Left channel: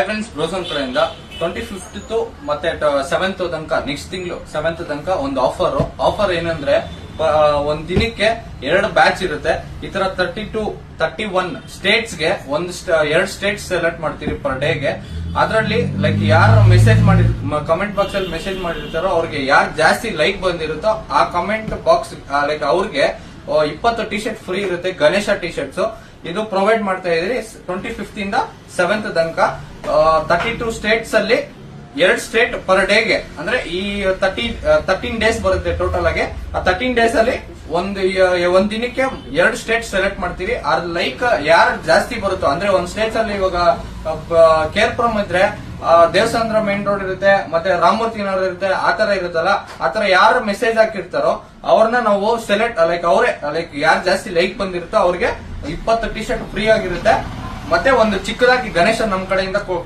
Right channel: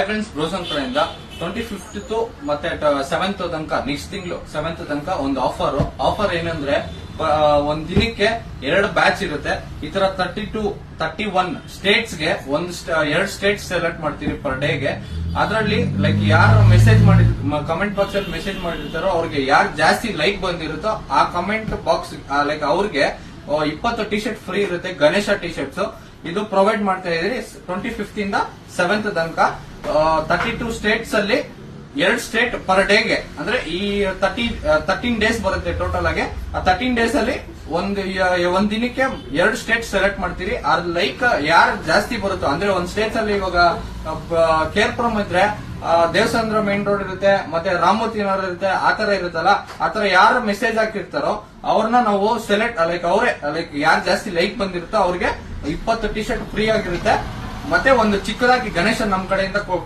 Friends ಬ್ರೋಸನ್ ಕಡೆಯಿಂದ 25th ಮತ್ತೆ 7th ತನಕ ನೆಕ್ಸ್ಟ್ ತಿಂಗಳು 7th ತನಕ ಒಂದು ಆಫರ್ ಏನಂದ್ರೆ ಒಂದ್ ದಿನಕ್ಕೆ 2 ಬ್ಯಾಚ್ ಇರುತ್ತೆ. ಈ ತರ 31 ಸ್ಟೇಟ್ಸ್ ಗೆ ಎರಡು ಸ್ಟೇಟ್ಸ್ ಸೆಲೆಕ್ಟ್ ಮಾಡ್ತೀವಿ ಪರ್ ಡೇಗೆ. ಅದರಲ್ಲಿ ಲೈಕ್ ಯಾರು ಮೆಸೇಜ್ ಮಾಡಿ ಕಮೆಂಟ್ ಬಾಕ್ಸ್ ಅಲ್ಲಿ ಮೆಸೇಜ್ ಮಾಡಿರ್ತಾರೋ ಅವ್ರಿಗೆ ಯಾರು ಜಾಸ್ತಿ ಲೈಕ್ ಬಂದಿರುತ್ತೋ ಆ ಕಮೆಂಟ್ ಬಾಕ್ಸ್ ಲೈಕ್ ಅವ್ರಿಗೆ 20 ಟಿ ಶರ್ಟ್ ಫ್ರೀ ಇರುತ್ತೆ. ಗಣೇಶ ಟಿ ಶರ್ಟ್ಸ್ ಇದು ಪ್ರೊವೈಡ್ ಮಾಡ್ತಾ ಇದೀರಿ 25th ಇಂದ 7th ತನಕ. 32 ಸ್ಟೇಟ್ಸ್ ಅಲ್ಲಿ 2 ಸ್ಟೇಟ್ ಪರ್ ಡೇಗೆ ಅಂದ್ರೆ ಈ 13 ಡೇಸ್ ಬರುತ್ತೆ ಟೋಟಲ್ ಆಗಿ. ಆ 13 ಡೇಸ್ ಅಲ್ಲಿ ಒಂದ್ ದಿನಕ್ಕೆ 2 ಸ್ಟೇಟ್ ಸೆಲೆಕ್ಟ್ ಮಾಡ್ತೀವಿ. ಅದ್ ಲೈಕ್ ಯಾರು ಜಾಸ್ತಿ ಬರುತ್ತೋ ಅಂದ್ರೆ ಒಂದ್ ಸ್ಟೇಟ್ಸ್ ಅಲ್ಲಿ ಇವಾಗ ಕೇರ್ಪುರಂ ಇದ್ರೆ ದೇವಸ್ಥಾನ ಮೇನ್ ರೋಡ್ ಇರುತ್ತೆ, ಮತ್ತೆ ರಾಮಮೂರ್ತಿ ನಗರ ಇರುತ್ತೆ, ಆತರ ಇರುತ್ತಲ್ಲ. ಆತರ ಯಾರು ಮೆಸೇಜ್ ಹಾಕಿರ್ತಾರೋ ಅವ್ರನ್ನ ನಾವು ಸೆಲೆಕ್ಟ್ ಅವರೇ ಯಾರು ಜಾಸ್ತಿ ಲೈಕ್ ಬಂದಿರುತ್ತೋ ಅವ್ರಿಗೆ 20 ಟಿ ಶರ್ಟ್ ಫ್ರೀ ಆಗಿರುತ್ತೆ. ಮತ್ತೆ ಒಂದು ಚಿಕ್ಕದಾಗಿ ಗಣೇಶ ನಮ್ ಕಡೆಯಿಂದ